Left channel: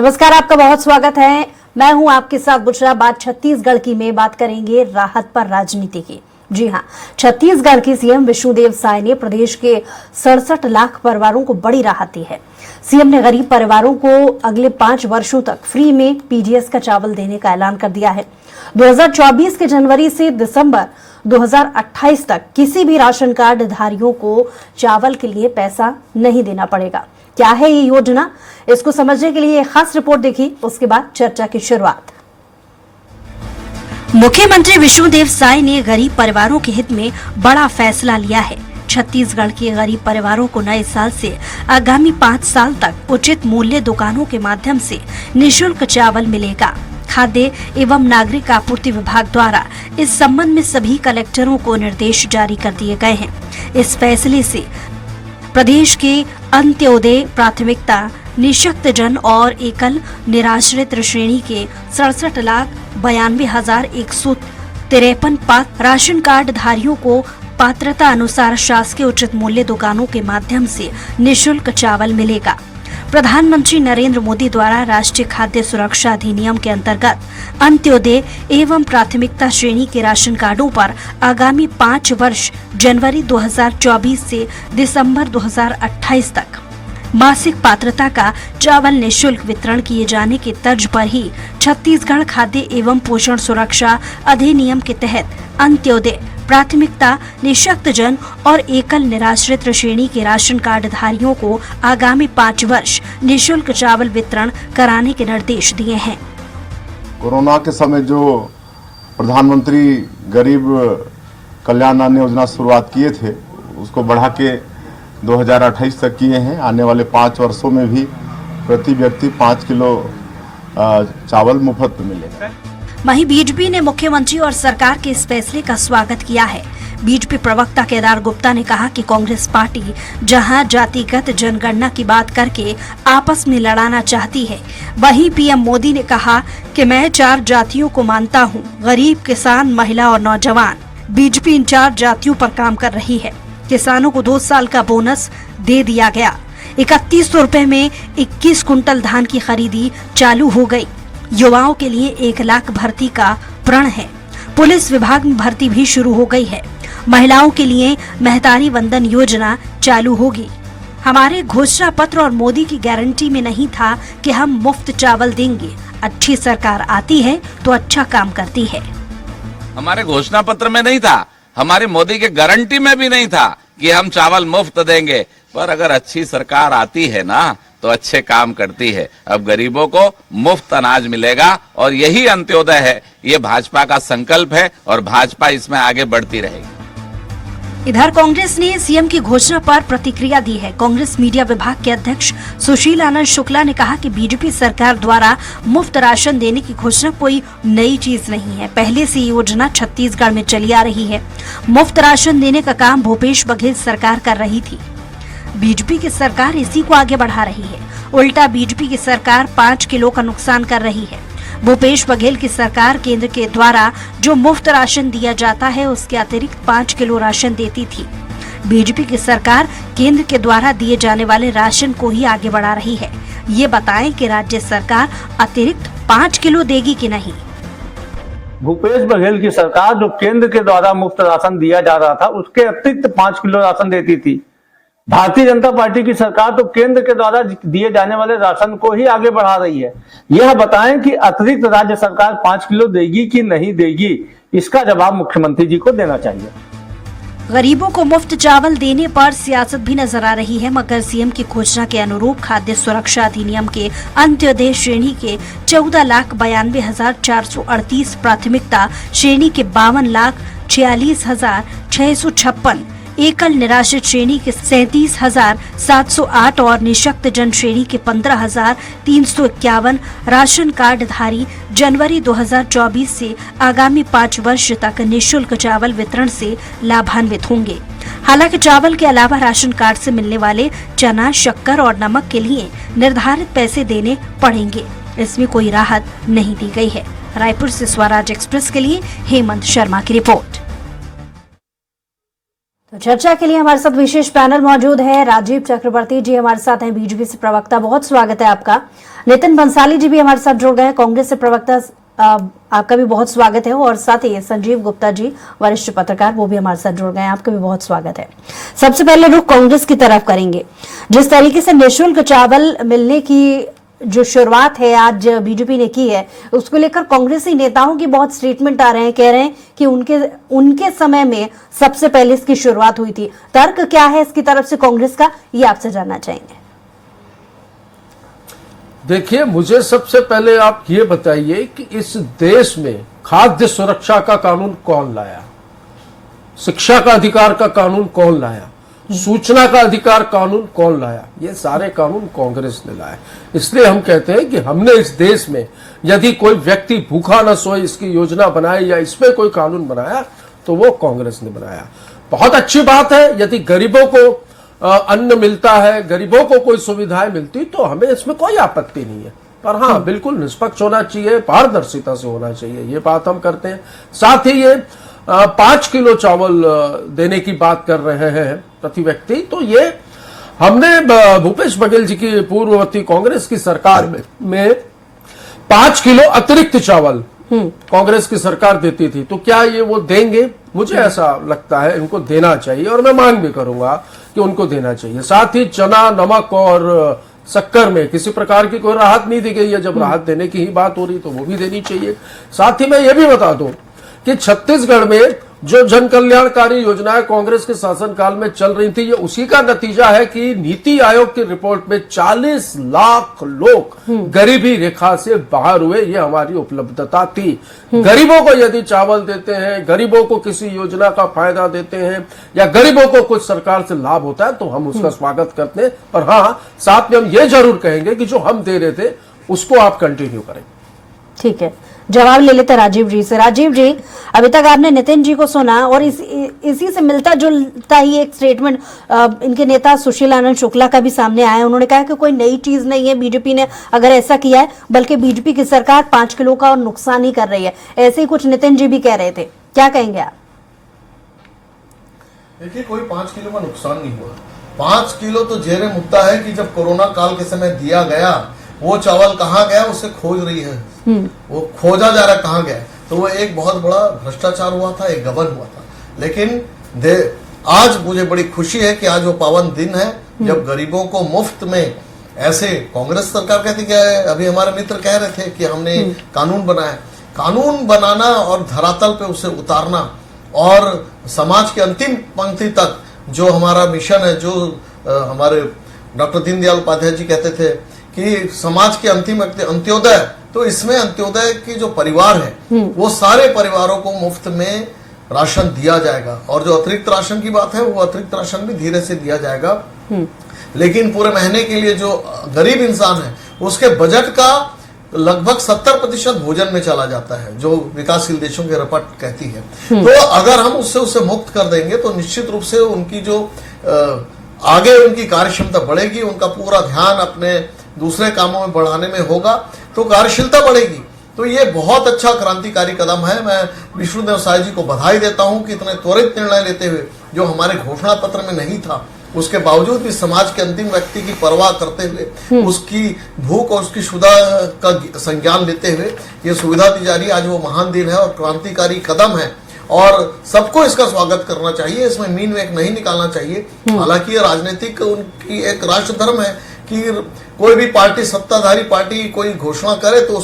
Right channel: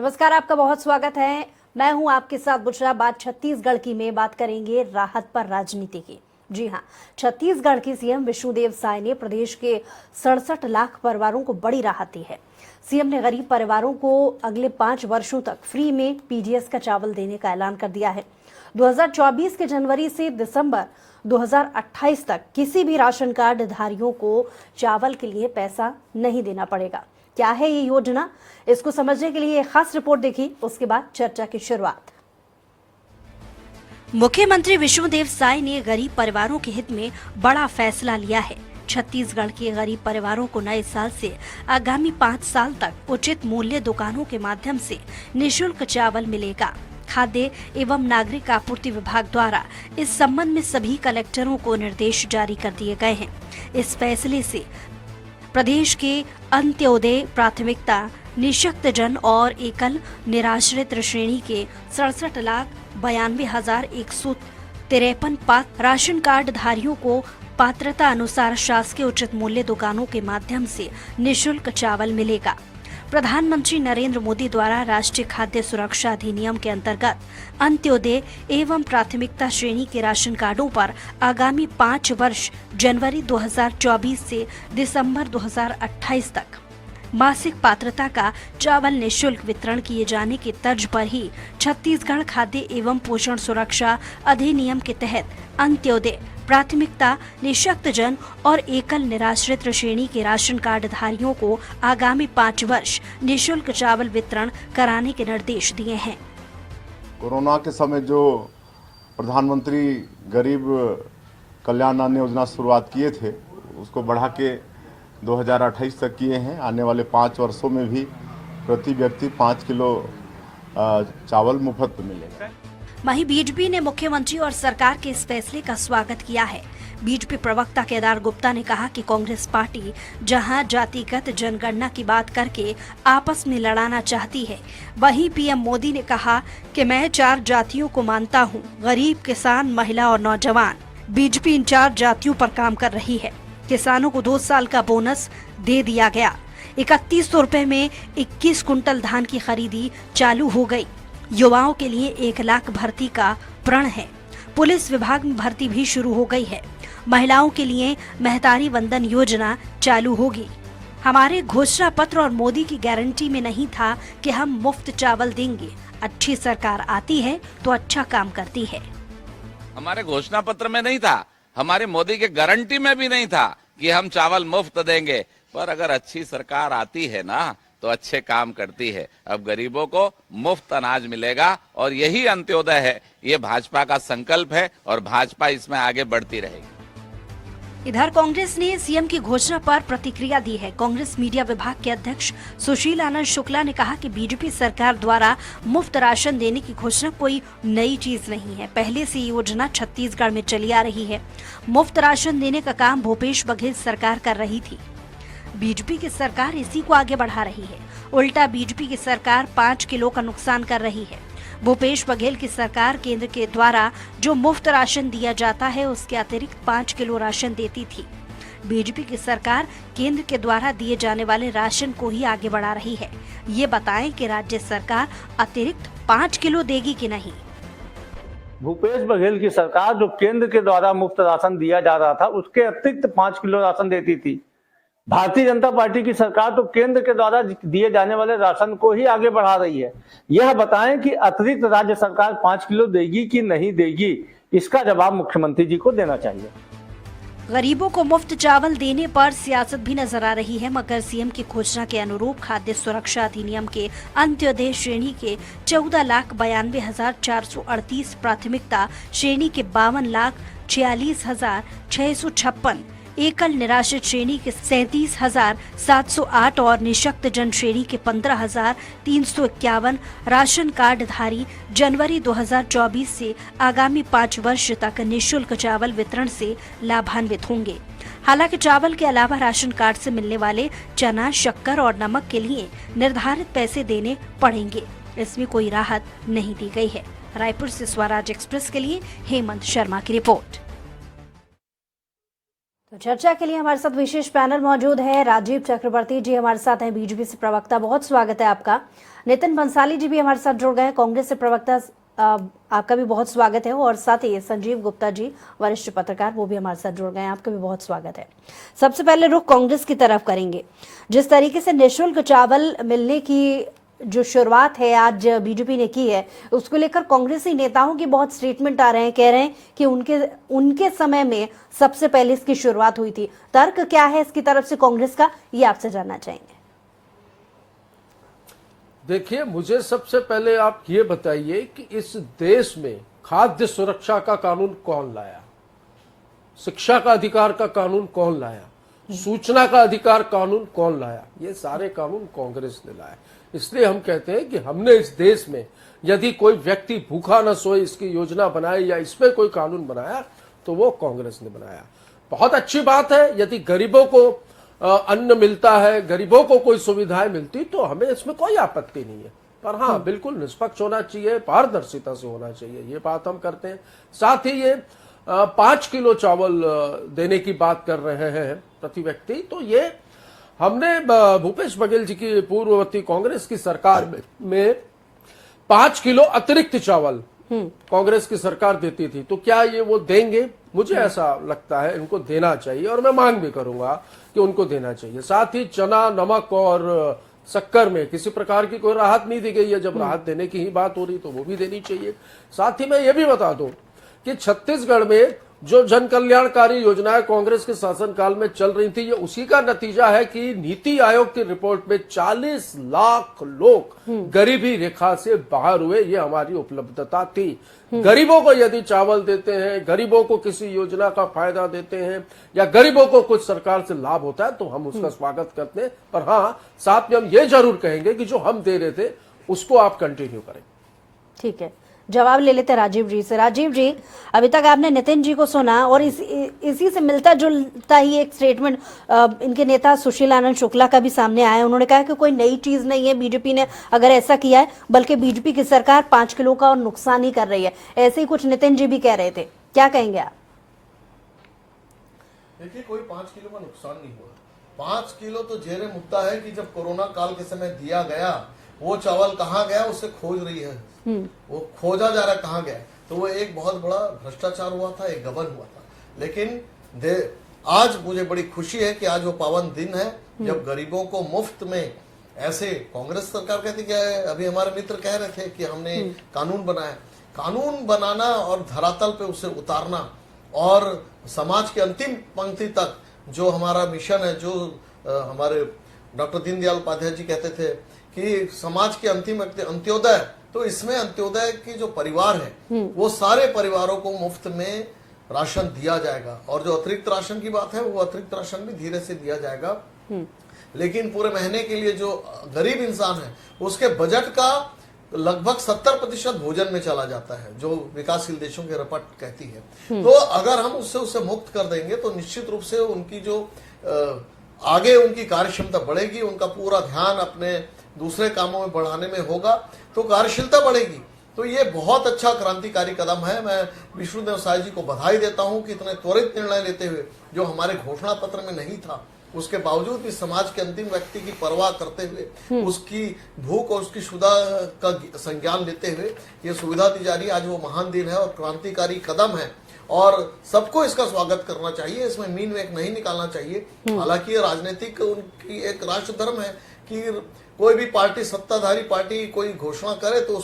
नमस्कार, आपका बहुत स्वागत है। मैं हूं आपके साथ बुशरा। बात छत्तीसगढ़ की में बात करेंगे राहत पर राजनीति की। जी हां, छत्तीसगढ़ की सीएम विष्णुदेव साय ने प्रदेश के 67 लाख परिवारों को बड़ी राहत दी है। सीएम ने गरीब परिवारों को अगले 5 वर्षों तक फ्री में पीडीएस का चावल देने का ऐलान कर दिया है। 2024 के जनवरी से दिसंबर 2028 तक किसी भी राशन कार्ड धारियों को चावल के लिए पैसा नहीं देना पड़ेगा। क्या है ये योजना, इसको समझने के लिए एक खास रिपोर्ट देखी, उसके बाद चर्चा की शुरुआत। मुख्यमंत्री विष्णुदेव साय ने गरीब परिवारों के हित में बड़ा फैसला लिया है। छत्तीसगढ़ के गरीब परिवारों को नए साल से आगामी 5 साल तक उचित मूल्य दुकानों के माध्यम से निःशुल्क चावल मिलेगा। खाद्य एवं नागरिक आपूर्ति विभाग द्वारा इस संबंध में सभी कलेक्टरों को निर्देश जारी कर दिए गए हैं। इस फैसले से प्रदेश के अंत्योदय, प्राथमिकता, निःशक्त जन और एकल निराश्रित श्रेणी के 67,92,153 राशन कार्ड धारियों को पात्रता अनुसार शासकीय उचित मूल्य दुकानों के माध्यम से निःशुल्क चावल मिलेगा। प्रधानमंत्री नरेंद्र मोदी द्वारा राष्ट्रीय खाद्य सुरक्षा अधिनियम के अंतर्गत अंत्योदय एवं प्राथमिकता श्रेणी के राशन कार्डों पर आगामी 5 वर्ष जनवरी 2024 से दिसंबर 2028 तक मासिक पात्रता का चावल निःशुल्क वितरण किए जाने की तर्ज पर ही छत्तीसगढ़ खाद्य एवं पोषण सुरक्षा अधिनियम के तहत अंत्योदय, प्राथमिकता, निःशक्त जन और एकल निराश्रित श्रेणी के राशन कार्ड धारियों को आगामी 5 वर्ष निःशुल्क चावल वितरण कराने के निर्देश दिए हैं। कोरोना के समय जो प्रधानमंत्री गरीब कल्याण अन्न योजना शुरुआत किए थे, उसको बढ़ा के 2028 तक किए हैं। आने वाले 5 वर्षों में भी प्रति व्यक्ति 5 किलो चावल मुफ्त मिलेगा। वहीं बीजेपी ने मुख्यमंत्री और सरकार के इस फैसले का स्वागत किया है। बीजेपी प्रवक्ता केदार गुप्ता ने कहा कि कांग्रेस पार्टी जहां जातिगत जनगणना की बात करके आपस में लड़ाना चाहती है, वहीं पीएम मोदी ने कहा कि मैं 4 जातियों को मानता हूं, गरीब, किसान, महिला और नौजवान। बीजेपी इन 4 जातियों पर काम कर रही है। किसानों को 2 साल का बोनस दे दिया गया। 3100 रुपए में 21 कुंटल धान की खरीदी चालू हो गई। युवाओं के लिए 1 लाख भर्ती का प्रण है। पुलिस विभाग में भर्ती भी शुरू हो गई है। महिलाओं के लिए महतारी वंदन योजना चालू होगी। हमारे घोषणा पत्र और मोदी की गारंटी में नहीं था कि हम मुफ्त चावल देंगे। अच्छी सरकार आती है तो अच्छा काम करती है। हमारे घोषणा पत्र में नहीं था, हमारे मोदी के गारंटी में भी नहीं था कि हम चावल मुफ्त देंगे। पर अगर अच्छी सरकार आती है ना, तो अच्छे काम करती है। अब गरीबों को मुफ्त अनाज मिलेगा और यही अंत्योदय है। ये भाजपा का संकल्प है और भाजपा इसमें आगे बढ़ती रहेगी। इधर कांग्रेस ने सीएम की घोषणा पर प्रतिक्रिया दी है। कांग्रेस मीडिया विभाग के अध्यक्ष सुशील आनंद शुक्ला ने कहा कि बीजेपी सरकार द्वारा मुफ्त राशन देने की घोषणा कोई नई चीज नहीं है। पहले से योजना छत्तीसगढ़ में चली आ रही है। मुफ्त राशन देने का काम भूपेश बघेल सरकार कर रही थी। बीजेपी की सरकार इसी को आगे बढ़ा रही है। उल्टा बीजेपी की सरकार 5 किलो का नुकसान कर रही है। भूपेश बघेल की सरकार केंद्र के द्वारा जो मुफ्त राशन दिया जाता है, उसके अतिरिक्त 5 किलो राशन देती थी। बीजेपी की सरकार केंद्र के द्वारा दिए जाने वाले राशन को ही आगे बढ़ा रही है। ये बताएं कि राज्य सरकार अतिरिक्त 5 किलो देगी कि नहीं। भूपेश बघेल की सरकार जो केंद्र के द्वारा मुफ्त राशन दिया जा रहा था, उसके अतिरिक्त 5 किलो राशन देती थी। भारतीय जनता पार्टी की सरकार तो केंद्र के द्वारा दिए जाने वाले राशन को ही आगे बढ़ा रही है। यह बताएं कि अतिरिक्त राज्य सरकार 5 किलो देगी कि नहीं देगी, इसका जवाब मुख्यमंत्री जी को देना चाहिए। गरीबों को मुफ्त चावल देने पर सियासत भी नजर आ रही है, मगर सीएम की घोषणा के अनुरूप खाद्य सुरक्षा अधिनियम के अंत्योदय श्रेणी के 14,92,438, प्राथमिकता श्रेणी के 52,46,656, एकल निराश्रित श्रेणी के 37,708 और निःशक्त जन श्रेणी के 15,351 राशन कार्ड धारी जनवरी 2024 से आगामी 5 वर्ष तक निःशुल्क चावल वितरण से लाभान्वित होंगे। हालांकि चावल के अलावा राशन कार्ड से मिलने वाले चना, शक्कर और नमक के लिए निर्धारित पैसे देने पड़ेंगे। इसमें कोई राहत नहीं दी गई है। रायपुर से स्वराज एक्सप्रेस के लिए हेमंत शर्मा की रिपोर्ट। तो चर्चा के लिए हमारे साथ विशेष पैनल मौजूद है। राजीव चक्रवर्ती जी हमारे साथ हैं, बीजेपी से प्रवक्ता, बहुत स्वागत है आपका। नितिन बंसाली जी भी हमारे साथ जुड़ गए हैं, कांग्रेस से प्रवक्ता, आपका भी बहुत स्वागत है। और साथ ही संजीव गुप्ता जी, वरिष्ठ पत्रकार, वो भी हमारे साथ जुड़ गए हैं, आपका भी बहुत स्वागत है। सबसे पहले रुख कांग्रेस की तरफ करेंगे। जिस तरीके से निःशुल्क चावल मिलने की जो शुरुआत है आज बीजेपी ने की है, उसको लेकर कांग्रेसी नेताओं की बहुत स्टेटमेंट आ रहे हैं, कह रहे हैं कि उनके समय में सबसे पहले इसकी शुरुआत हुई थी। तर्क क्या है इसकी तरफ से कांग्रेस का, ये आपसे जानना चाहेंगे। देखिए, मुझे सबसे पहले आप ये बताइए कि इस देश में खाद्य सुरक्षा का कानून कौन लाया, शिक्षा का अधिकार का कानून कौन लाया, सूचना का अधिकार कानून कौन लाया? ये सारे कानून कांग्रेस ने लाए। इसलिए हम कहते हैं कि हमने इस देश में यदि कोई व्यक्ति भूखा न सोए इसकी योजना बनाई या इसमें कोई कानून बनाया तो वो कांग्रेस ने बनाया। बहुत अच्छी बात है, यदि गरीबों को अन्न मिलता है, गरीबों को कोई सुविधाएं मिलती तो हमें इसमें कोई आपत्ति नहीं है। पर हाँ, बिल्कुल निष्पक्ष होना चाहिए, पारदर्शिता से होना चाहिए, ये बात हम करते हैं। साथ ही ये 5 किलो चावल देने की बात कर रहे हैं प्रति व्यक्ति, तो ये हमने भूपेश बघेल जी की पूर्ववर्ती कांग्रेस की सरकार में 5 किलो अतिरिक्त चावल कांग्रेस की सरकार देती थी। तो क्या ये वो देंगे? मुझे ऐसा लगता है इनको देना चाहिए और मैं मांग भी करूंगा कि उनको देना चाहिए। साथ ही चना, नमक और शक्कर में किसी प्रकार की कोई राहत नहीं दी गई है। जब राहत देने की ही बात हो रही तो वो भी देनी चाहिए। साथ ही मैं ये भी बता दूं कि छत्तीसगढ़ में जो जन कल्याणकारी योजनाएं कांग्रेस के शासनकाल में चल रही थी, ये उसी का नतीजा है कि नीति आयोग की रिपोर्ट में 40 लाख लोग गरीबी रेखा से बाहर हुए। ये हमारी उपलब्धता थी। गरीबों को यदि चावल देते हैं, गरीबों को किसी योजना का फायदा देते हैं या गरीबों को कुछ सरकार से लाभ होता है तो हम उसका स्वागत करते हैं। पर हाँ, साथ में हम ये जरूर कहेंगे कि जो हम दे रहे थे उसको आप कंटिन्यू करें। ठीक है, जवाब ले लेते राजीव जी से। राजीव जी, अभी तक आपने नितिन जी को सुना और इसी से मिलता जुलता ही एक स्टेटमेंट इनके नेता सुशील आनंद शुक्ला का भी सामने आया। उन्होंने कहा कि कोई नई चीज नहीं है बीजेपी ने अगर ऐसा किया है, बल्कि बीजेपी की सरकार 5 किलो का और नुकसान ही कर रही है। ऐसे ही कुछ नितिन जी भी कह रहे थे, क्या कहेंगे आप? देखिए, कोई 5 किलो का नुकसान नहीं हुआ। 5 किलो तो जेरे मुद्दा है कि जब कोरोना काल के समय दिया गया, वो चावल कहाँ गया उसे खोज रही है, वो खोजा जा रहा है कहाँ गया। तो वो एक बहुत बड़ा भ्रष्टाचार हुआ था, एक गबन हुआ था। लेकिन आज मुझे बड़ी खुशी है कि आज वो पावन दिन है जब गरीबों को मुफ्त में, ऐसे कांग्रेस सरकार कहती क्या है, अभी हमारे मित्र कह रहे थे कि हमने कानून बनाया। कानून बनाना और धरातल पे उसे उतारना और समाज के अंतिम पंक्ति तक जो हमारा मिशन है, जो हमारे डॉक्टर दीनदयाल उपाध्याय जी कहते थे कि समाज के अंतिम अंत्योदय, तो इसमें अंत्योदय की जो परिवार है वो सारे परिवारों को मुफ्त में राशन दिया जाएगा। और जो अतिरिक्त राशन की बात है, वो अतिरिक्त राशन भी धीरे से दिया जाएगा। लेकिन पूरे महीने के लिए जो गरीब इंसान है उसके बजट का लगभग 70% भोजन में चला जाता है, जो विकासशील देशों की रिपोर्ट कहती है। तो अगर हम उससे मुक्त कर देंगे तो निश्चित रूप से उनकी जो आगे उनकी कार्यक्षमता बढ़ेगी, उनका पूरा ध्यान अपने दूसरे कामों में बढ़ाने में होगा, तो कार्यशीलता बढ़ेगी। तो ये बहुत अच्छा क्रांतिकारी कदम है। मैं विष्णुदेव साय जी को बधाई देता हूं कि इतने त्वरित निर्णय लेते हुए, जो हमारे घोषणा पत्र में नहीं था, उसके बावजूद भी समाज के अंतिम व्यक्ति की परवाह करते हुए, उसकी भूख और उसकी क्षुधा का संज्ञान लेते हुए ये सुविधा दी जा रही है। आज वो महान दिन है और क्रांतिकारी कदम है और सबको इसका स्वागत करना चाहिए। इसमें मीन वेक नहीं निकालना चाहिए। हालांकि ये राजनीतिक उनकी एक राष्ट्र धर्म है कि कोई भी पार्टी, सत्ताधारी पार्टी कोई घोषणा करे तो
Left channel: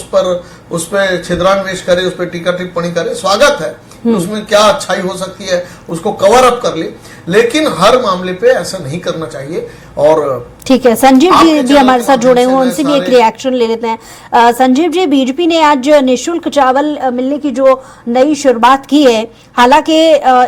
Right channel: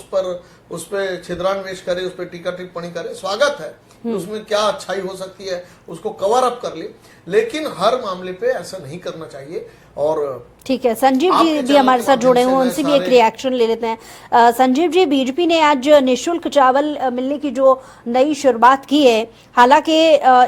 उस पर छिद्रान्वेष करे, उस पर टीका टिप्पणी करे, स्वागत है। उसमें क्या अच्छाई हो सकती है उसको कवर अप कर ले, लेकिन हर मामले पे ऐसा नहीं करना चाहिए। और ठीक है, संजीव जी भी हमारे साथ जुड़े हुए, उनसे भी एक रिएक्शन ले लेते हैं। संजीव जी, बीजेपी ने आज निःशुल्क चावल मिलने की जो नई शुरुआत की है, हालांकि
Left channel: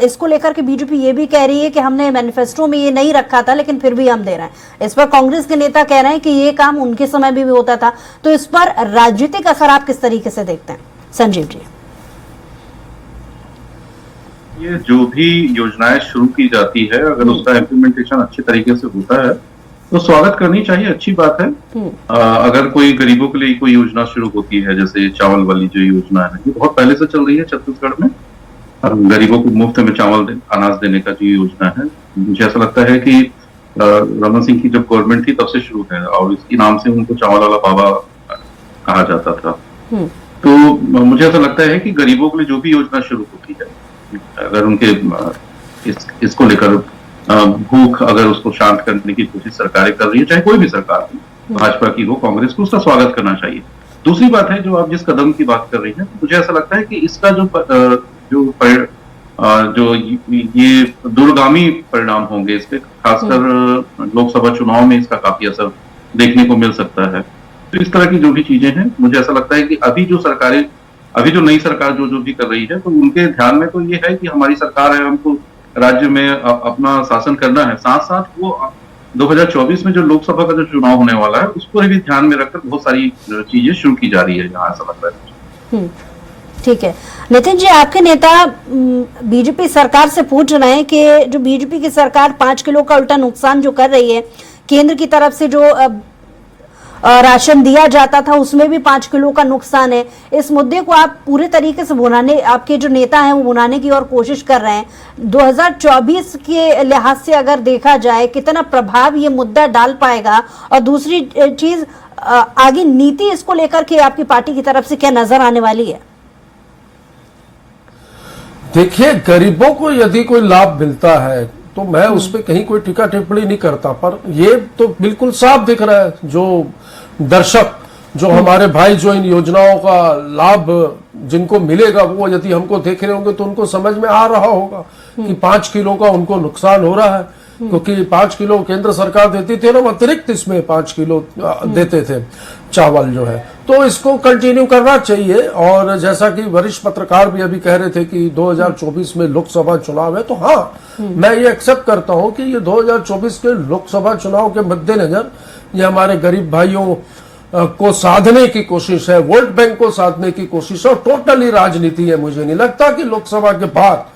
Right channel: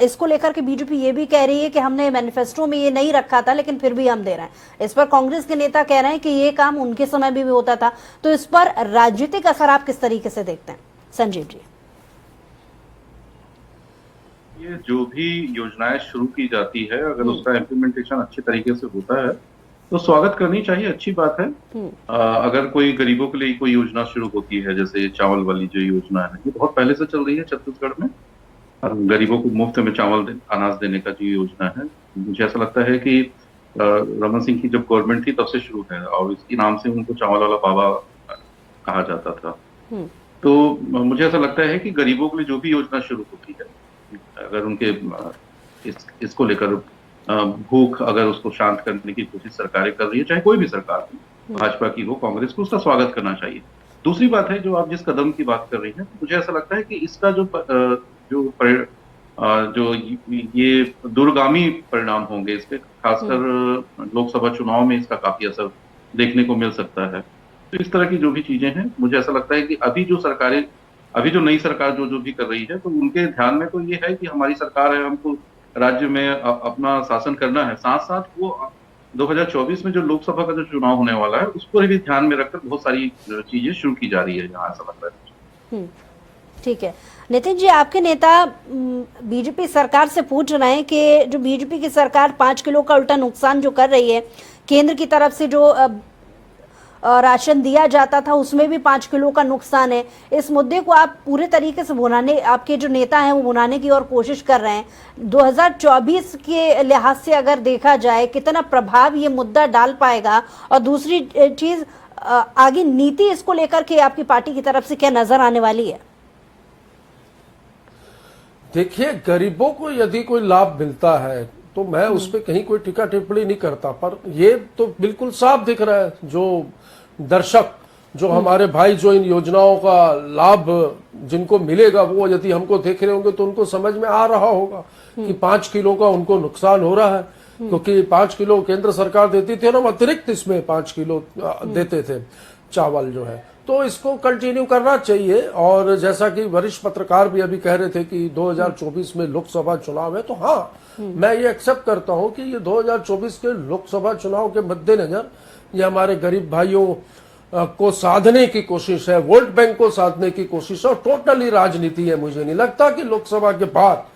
इसको लेकर के बीजेपी ये भी कह रही है कि हमने मैनिफेस्टो में ये नहीं रखा था लेकिन फिर भी हम दे रहे हैं। इस पर कांग्रेस के नेता कह रहे हैं कि ये काम उनके समय भी होता था। तो इस पर राजनीतिक असर आप किस तरीके से देखते हैं संजीव जी? ये जो भी योजनाएं शुरू की जाती है, अगर उसका इम्प्लीमेंटेशन अच्छे तरीके से होता है तो स्वागत करनी चाहिए, अच्छी बात है। अगर कोई गरीबों के लिए कोई योजना शुरू होती है, जैसे चावल वाली जो योजना है, ये बहुत पहले से चल रही है छत्तीसगढ़ में, गरीबों को मुफ्त में अनाज देने का जो योजना है, मुझे ऐसा लगता है कि रमन सिंह की जब गवर्नमेंट थी तब से शुरू है और इसके नाम से उनको चावल वाला बाबा कहा जाता था। तो मुझे ऐसा लगता है कि गरीबों के लिए जो भी योजना शुरू होती है, अगर उनके इसको लेकर भूख अगर उसको शांत करने की कोशिश सरकारें कर रही है, चाहे कोई भी सरकार हो, भाजपा की हो, कांग्रेस को, उसका स्वागत करना चाहिए। दूसरी बात है, जो आप जिस कदम की बात कर रही हैं, मुझे ऐसा लगता है कि इसका जो ये दूरगामी परिणाम होंगे, इस पे खासकर लोकसभा चुनाव में इसका काफी असर देखने को मिल सकता है। तो इस तरह की जो भी चीजें हैं, मुझे ऐसा लगता है कि अभी जो नई सरकार जो भी कर रही है, तो उनके ध्यान में तो ये है कि हमारी सरकार है, हमको राज्य में अपना शासन करना है। साथ साथ वो 2024 में जो लोकसभा का जो चुनाव होने वाला है, उसको भी ध्यान में रखकर बहुत सारी चीजें शुरू की जा रही है यहाँ, ऐसा लगता है। ठीक है नितिन जी, आपके नेता बीजेपी सरकार से पूछ रहे हैं कि जो बीजेपी की सरकार 5 किलो का उल्टा नुकसान जो कर रही है, केंद्र की तरफ से जो राशन दिया जाता था उसमें भी 5 किलो का नुकसान है। इस मुद्दे को आप पूरे तरीके से भुनाने, आपके जो नेता हैं वो भुनाने की और कोशिश कर रहे हैं। 2024 के लिहाज से अगर देखा जाए, कितना प्रभाव ये मुद्दा डाल पाएगा? और दूसरी चीज, आगे नीति इसको लेकर के आपकी पार्टी की तरफ से क्या नजर आने वाली है? देखिए, गरीबों को यदि कोई लाभ मिलता है तो मैं उस पर कहीं कोई टीका टिप्पणी नहीं करता, पर ये तो बिल्कुल साफ दिख रहा है, जो दर्शक, जो हमारे भाई जो इन योजनाओं का लाभ जिनको मिलेगा, वो यदि हमको देख रहे होंगे तो उनको समझ में आ रहा होगा कि 5 किलो का उनको नुकसान हो रहा है, क्योंकि 5 किलो केंद्र सरकार देती थी ना, अतिरिक्त इसमें 5 किलो देते थे चावल जो है। तो इसको कंटिन्यू करना चाहिए। और जैसा कि वरिष्ठ पत्रकार भी अभी कह रहे थे कि 2024 में लोकसभा चुनाव है, तो हाँ, मैं ये एक्सेप्ट करता हूं कि ये 2024 के लोकसभा चुनाव के मद्देनजर ये हमारे गरीब भाइयों को साधने की कोशिश है, वोट बैंक को साधने की कोशिश है, और टोटली राजनीति है। मुझे नहीं लगता कि लोकसभा के बाद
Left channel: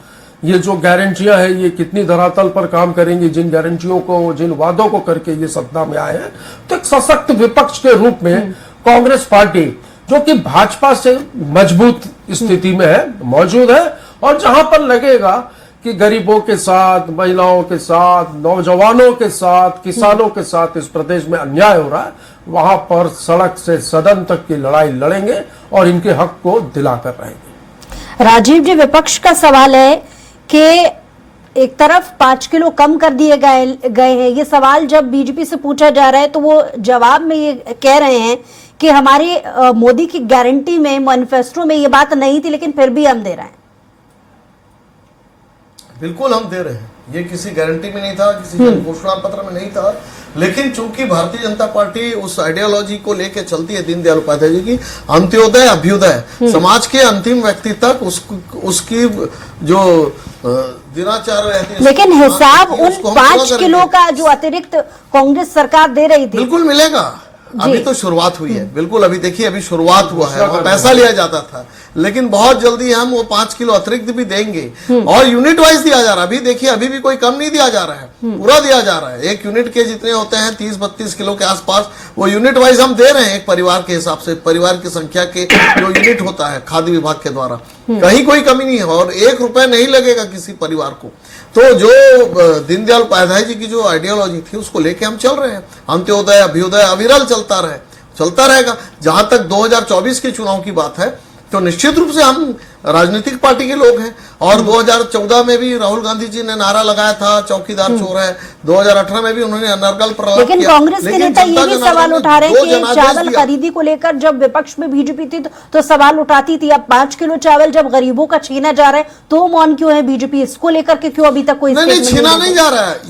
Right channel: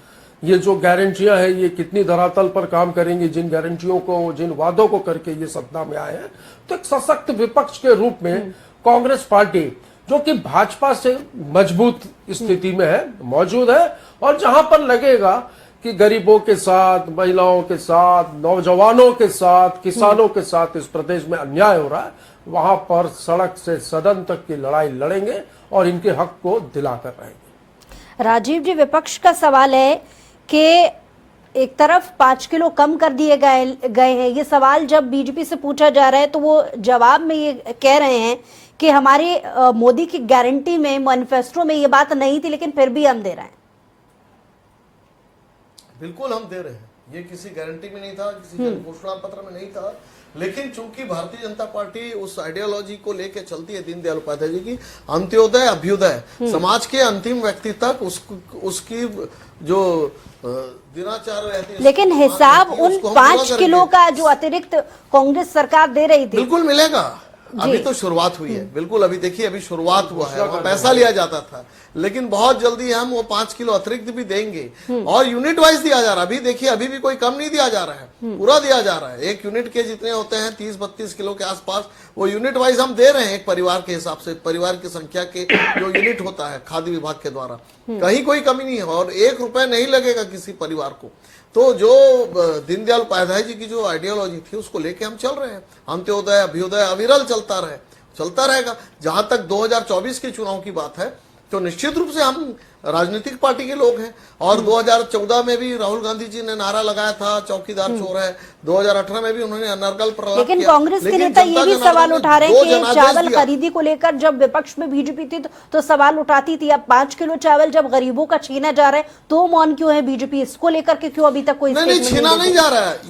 ये जो गारंटियां हैं ये कितनी धरातल पर काम करेंगी। जिन गारंटियों को, जिन वादों को करके ये सत्ता में आए हैं, तो एक सशक्त विपक्ष के रूप में कांग्रेस पार्टी, जो कि भाजपा से मजबूत स्थिति में है, मौजूद है। और जहां पर लगेगा कि गरीबों के साथ, महिलाओं के साथ, नौजवानों के साथ, किसानों के साथ इस प्रदेश में अन्याय हो रहा है, वहां पर सड़क से सदन तक की लड़ाई लड़ेंगे और इनके हक को दिलाकर रहेंगे। राजीव जी, विपक्ष का सवाल है कि एक तरफ 5 किलो कम कर दिए गए हैं। ये सवाल जब बीजेपी से पूछा जा रहा है तो वो जवाब में ये कह रहे हैं कि हमारे मोदी की गारंटी में, मैनिफेस्टो में ये बात नहीं थी, लेकिन फिर भी हम दे रहे हैं। बिल्कुल हम दे रहे हैं, ये किसी गारंटी में नहीं था, किसी घोषणा पत्र में नहीं था, लेकिन चूंकि भारतीय जनता पार्टी उस आइडियोलॉजी को लेके चलती है, दीनदयाल उपाध्याय जी की, अंत्योदय अभ्युदय, समाज के अंतिम व्यक्ति तक उसकी जो दिनाचार रहती है, लेकिन हिसाब उन 5 किलो का जो अतिरिक्त कांग्रेस सरकार दे रही थी, बिल्कुल मिलेगा। अभी तो शुरुआत हुई है, बिल्कुल अभी देखिए, अभी शुरुआत हुआ है, वहाँ पैसा लिया जाता था, लेकिन बहुत जल्दी हम वो 5 किलो अतिरिक्त भी देंगे और यूनिट वाइज दिया जा रहा है। अभी देखिए, अभी भी कोई कम नहीं दिया जा रहा है, पूरा दिया जा रहा है। एक यूनिट के जितने होते हैं 30-32 किलो के आसपास, वो यूनिट वाइज हम दे रहे हैं, एक परिवार के हिसाब से, परिवार की संख्या के जो यूनिट होता है खाद्य विभाग के द्वारा। कहीं कोई कमी नहीं है और 1 रुपए नहीं लगेगा किसी परिवार को। तो जो दीनदयाल उपाध्याय जी की जो आइडियोलॉजी थी, उसको लेके हम चल रहे हैं। अंत्योदय अभ्युदय अविरल चलता रहेगा। जहां तक 2024 के चुनाव की बात है, तो निश्चित रूप से हम राजनीतिक पार्टी के लोग हैं। और 2014 में भी राहुल गांधी जी ने नारा लगाया था, चौकीदार चोर है। 2018 में भी उन्होंने अनर्गल प्रहलाद किया। लेकिन कांग्रेस के नेता ये भी सवाल उठा रहे हैं कि चावल खरीदी को लेकर जब विपक्ष में बीजेपी थी तो सवाल उठाती थी। अब 5 किलो चावल जब गरीबों का छीना जा रहा है तो मौन क्यों है बीजेपी? इसको लेकर के क्यों अभी तक कोई नहीं, छीना नहीं जा रहा है।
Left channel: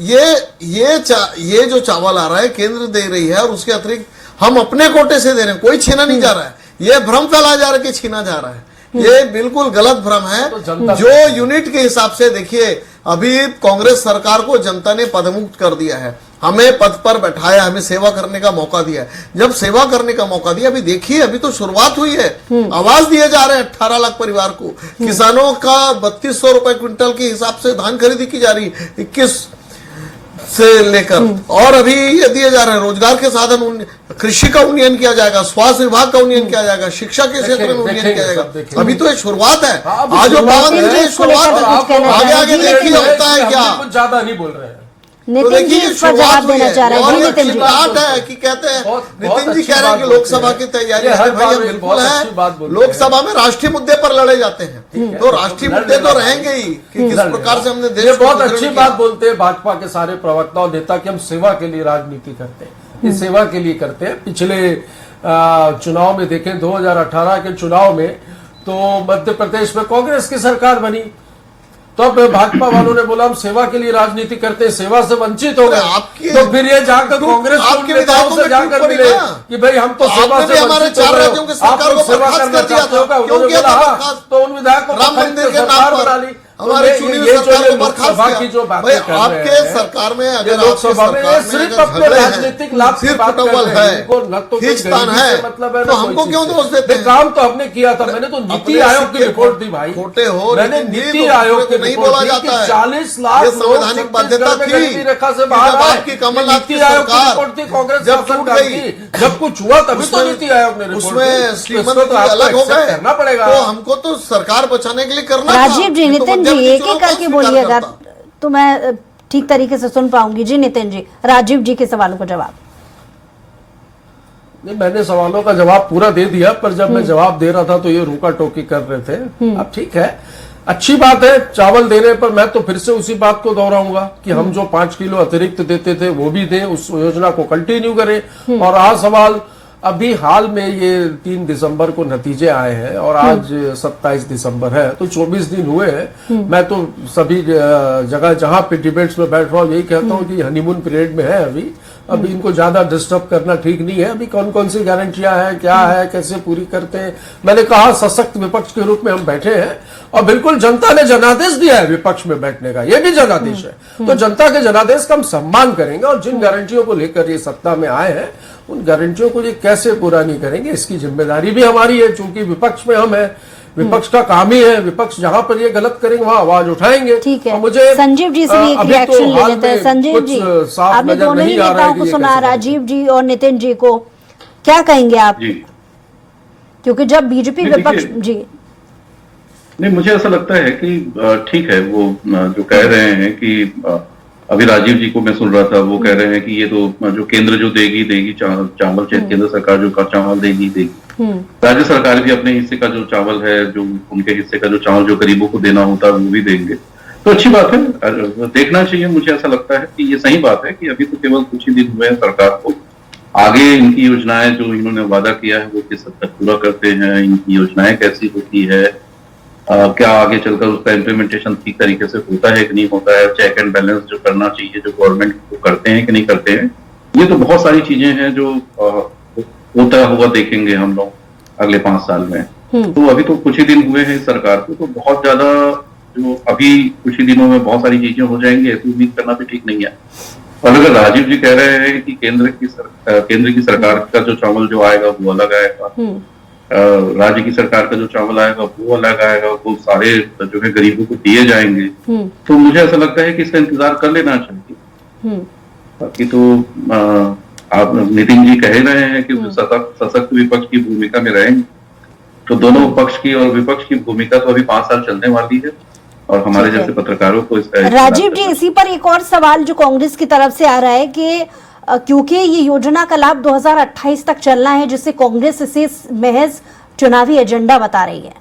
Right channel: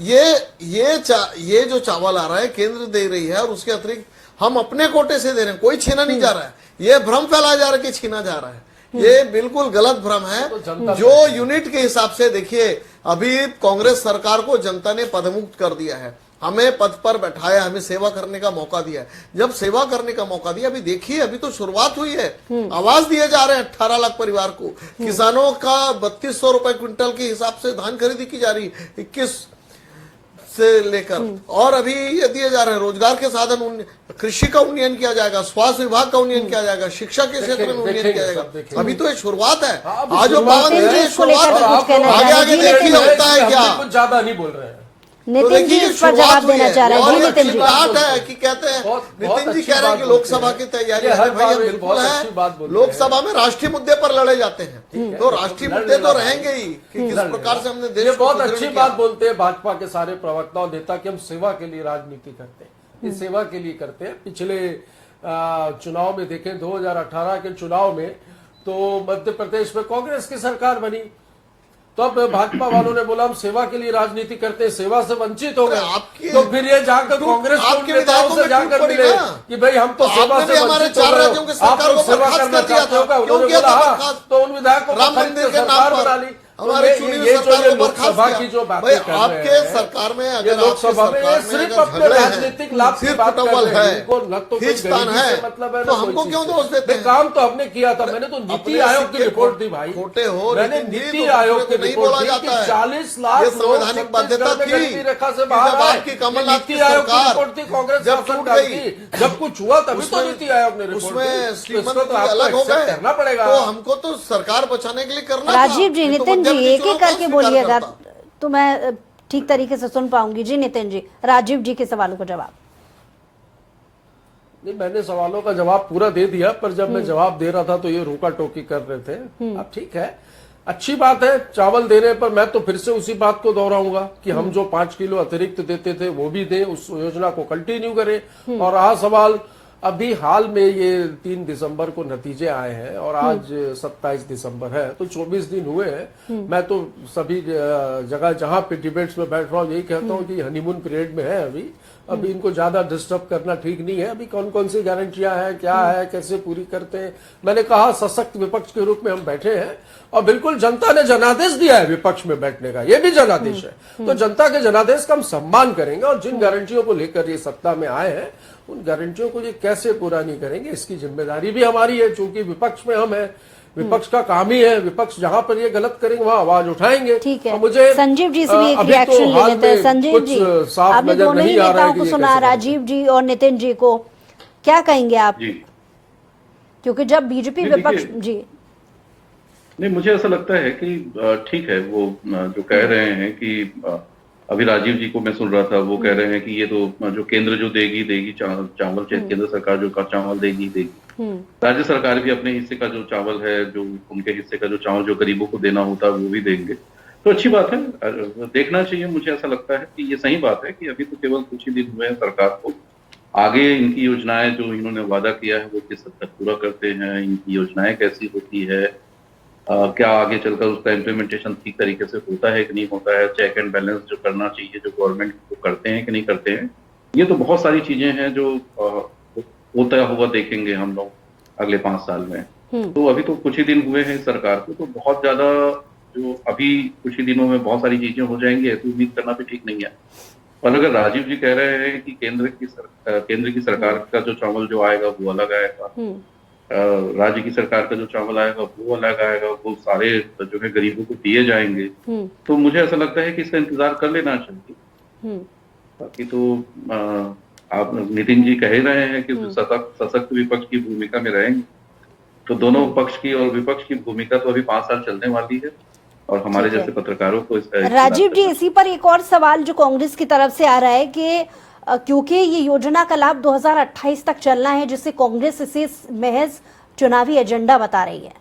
ये जो चावल आ रहा है केंद्र दे रही है और उसके अतिरिक्त हम अपने कोटे से दे रहे हैं, कोई छीना नहीं जा रहा है। ये भ्रम फैलाया जा रहा है कि छीना जा रहा है, ये बिल्कुल गलत भ्रम है। जो यूनिट के हिसाब से देखिए, अभी कांग्रेस सरकार को जनता ने पदमुक्त कर दिया है, हमें पद पर बैठाया, हमें सेवा करने का मौका दिया है। जब सेवा करने का मौका दिया, अभी देखिए, अभी तो शुरुआत हुई है। आवाज दिए जा रहे हैं 18 लाख परिवार को। किसानों का 3200 रुपए क्विंटल के हिसाब से धान खरीदी की जा रही है। 21 से लेकर और अभी ये दिए जा रहे हैं रोजगार के साधन, कृषि का उन्नयन किया जाएगा, स्वास्थ्य विभाग का उन्नयन किया जाएगा, शिक्षा के क्षेत्र में उन्नयन किया जाएगा। अभी तो ये शुरुआत है, आज जो बात है शुरुआत है, आगे आगे देखिए होता है क्या। कुछ ज्यादा नहीं बोल रहे हैं। तो नितिन जी देखिए इस पर जवाब देना चाह रहे हैं। और जी नितिन जी, बात है कि कहते हैं नितिन जी अच्छी कह रहे हैं कि बात लोकसभा की तैयारी ये हर है, भाई बार ये एक बिल्कुल बहुत अच्छी बात है। बोलते लोकसभा में राष्ट्रीय मुद्दे पर लड़े जाते हैं, तो राष्ट्रीय मुद्दे तो रहेंगे ही कि किस प्रकार से हमने देश ये को बहुत सुदृढ़ अच्छी किया। बात बोलते हैं भाजपा के सारे प्रवक्ता और नेता कि हम सेवा के लिए राजनीति करते हैं। ये सेवा के लिए करते हैं। पिछले चुनाव में देखें, 2018 के चुनाव में तो मध्य प्रदेश में कांग्रेस की सरकार बनी, तब भाजपा वालों ने बोला हम सेवा के लिए राजनीति करते हैं, सेवा से वंचित हो गए। तो फिर ये जाकर कांग्रेस आपके नेताओं से विधायकों जाकर में मिले ना। कि भाई हम तो तो सेवा आपने से भी हमारे वंचित हो 4 गए राज्यों के हो, सरकार आप को लोग सेवा बर्खास्त करना कर दिया चाहते हो था। क्या? क्यों उन्होंने किया था बोला हाँ, बर्खास्त? तो उन विधायकों राम मंदिर के नाम सरकार पर बना ली। हमारे तो चुनी हुई ये सरकार जो को बर्खास्त लोकसभा किया। की जो बातें भाई कर रहे आपके हैं, सरकार में ये अगर लोकसभा में सरकार में सिर्फ अगर अपने झगड़े हैं, राजनीतिक लाभ की सिर्फ बात कर टटोल रहे हैं, है, इनको न तो कोई खींचतान गरीबी है, से मतलब है, तो न कोई हमको चीज क्यों से। दोष देते हैं? काम तो हमने किया था, मैंने तो नीति अपने आयोग की सिक्के रिपोर्ट दी भाई, खोटे हो, मैंने लेकिन ये नीति तो आयोग की दूसरे को नहीं रिपोर्ट बोला दी जाता कि है। 40 लाख ये लोग संवैधानिक बाध्यता छत्तीसगढ़ के थी गरीबी रेखा से कि बाहर जब आए। आपकी कमलनाथ की नीति आयोग की सरकार रिपोर्ट थी कांग्रेस जब शासन टूट काल गई, की, जब कुछ हुआ तभी तो नीति आयोग ने रिपोर्ट दी। उसमें तो श्रीमंत इसको तो आपको अलग हो accept गए, करना पड़ेगा। तो हमको तो सरकार बचाने के लिए करना था। राजीव जी, ये तो नितिन जी मध्यवर्ती एक चुनाव एक का करके स्वीकार बोलिएगा करता। तो मैं ठीक तरीके से सुन पाऊंगी। जी नितिन जी, राजीव जी के सवालों को जवाब। नहीं, मैंने सवालों का जवाब पूरा दे दिया, पर जब मैं जवाब दे रहा था तो ये रोका टोकी कर रहे थे। अब ठीक है, अच्छी बात है चावल देने पर। मैं तो फिर से उसी बात को दोहराऊंगा कि हम जो 5 किलो अतिरिक्त देते थे वो भी दे, उस योजना को कंटिन्यू करें। और रहा सवाल, अभी हाल में ये 3 दिसंबर को नतीजे आए हैं और आज 27 दिसंबर है, तो 24 दिन हुए हैं। मैं तो सभी जगह जहां पे डिबेट्स में बैठ रहा हूँ यही कहता हूँ कि हनीमून पीरियड में है अभी इनको ज्यादा डिस्टर्ब करना ठीक नहीं है। अभी कौन कौन सी गारंटियां हैं, क्या है, कैसे पूरी करते हैं। मैंने कहा सशक्त विपक्ष के रूप में हम बैठे हैं और बिल्कुल जनता ने जनादेश दिया है विपक्ष में बैठने का, ये भी जनादेश है। तो जनता के जनादेश का हम सम्मान करेंगे और जिन गारंटियों को लेकर ये सत्ता में आए हैं उन गारंटियों को ये कैसे पूरा नहीं करेंगे, इसकी जिम्मेदारी भी हमारी है। चूंकि विपक्ष में हम है, विपक्ष का काम ही है, विपक्ष जहां पर ये गलत करेंगे वहां आवाज उठाएंगे। ठीक है, तो मुझे संजीव जी से एक अभी रिएक्शन तो ले हाल लेते हैं। में संजीव कुछ जी, साफ आपने नजर दोनों ही नहीं आ रहा नेताओं है कि को ये सुना, कैसे करेंगे। राजीव जी और नितिन जी को, क्या कहेंगे आप? जी क्योंकि जब बीजेपी नहीं, विपक्ष देखिए, जी नहीं, मुझे ऐसा लगता है कि ठीक है वो जो कह रहे हैं कि अभी राजीव जी को मैं सुन रहा था, वो कह रहे हैं कि ये तो जो केंद्र जो देगी चावल केंद्र सरकार जो चावल देगी, राज्य सरकार भी अपने हिस्से का जो चावल है, जो उनके हिस्से का जो चावल जो गरीबों को देना होता है वो भी देंगे। तो अच्छी बात है, देखना चाहिए। मुझे ऐसा लगता है कि ये सही बात है कि अभी तो केवल कुछ ही दिन हुए हैं सरकार को, आगे इनकी योजनाएं जो इन्होंने वादा किया है वो किस हद तक पूरा करते हैं, इनकी योजनाएं कैसी होती है, क्या आगे चलकर उसका इम्प्लीमेंटेशन ठीक तरीके से होता है कि नहीं होता है, चेक एंड बैलेंस जो करना चाहिए जो गवर्नमेंट को करते हैं कि नहीं करते हैं। ये तो बहुत सारी चीजें हैं जो होता हुआ देखेंगे हम लोग अगले 5 साल में। तो अभी तो कुछ ही दिन हुए हैं सरकार को, तो बहुत ज्यादा जो अभी कुछ ही दिनों में बहुत सारी चीजें हो जाएंगी ऐसी उम्मीद करना भी ठीक नहीं है। और अगर राजीव जी कह रहे हैं कि केंद्र की सरकार का जो चावल जो आएगा वो अलग आएगा, राज्य की सरकार का जो चावल आएगा वो अलग आएगा, वो सारे जो है गरीबों को दिए जाएंगे, तो मुझे ऐसा लगता है कि इसका इंतजार कर लेना चाहिए। बाकी तो आप नितिन जी कह रहे हैं कि सशक्त विपक्ष की भूमिका में रहेंगे, तो दोनों पक्ष की और विपक्ष की भूमिका तो अभी 5 साल चलने वाली है और हमारे जैसे पत्रकारों को इसका राजीव जी, इसी पर एक और सवाल जो कांग्रेस की तरफ से आ रहा है कि क्योंकि ये योजना का लाभ 2028 तक चलना है, जिससे कांग्रेस इसे महज चुनावी एजेंडा बता रही है।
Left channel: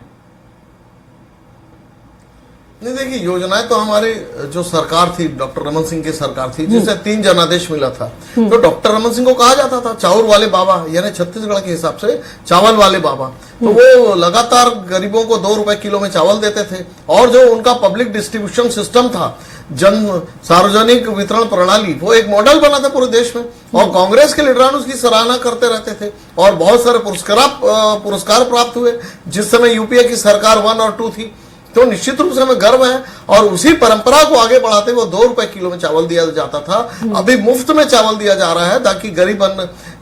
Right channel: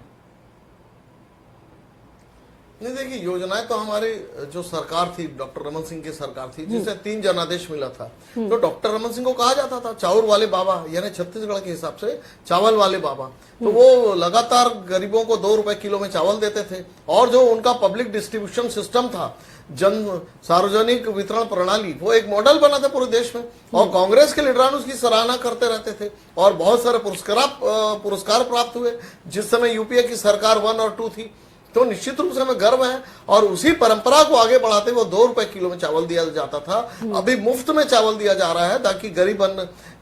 नहीं, देखिए योजनाएं तो हमारी जो सरकार थी, डॉक्टर रमन सिंह की सरकार थी, जिसे 3 जनादेश मिला था, तो डॉक्टर रमन सिंह को कहा जाता था चावल वाले बाबा, यानी छत्तीसगढ़ के हिसाब से चावल वाले बाबा। तो वो लगातार गरीबों को 2 रुपए किलो में चावल देते थे और जो उनका पब्लिक डिस्ट्रीब्यूशन सिस्टम था, सार्वजनिक वितरण प्रणाली, वो एक मॉडल बना था पूरे देश में और कांग्रेस के लीडरान उसकी सराहना करते रहते थे और बहुत सारे पुरस्कार प्राप्त हुए। जिस समय यूपीए की सरकार 1 और 2 थी तो निश्चित रूप से हमें गर्व है। और उसी परंपरा को आगे बढ़ाते हुए 2 रुपए किलो में चावल दिया जाता था, अभी मुफ्त में चावल दिया जा रहा है, ताकि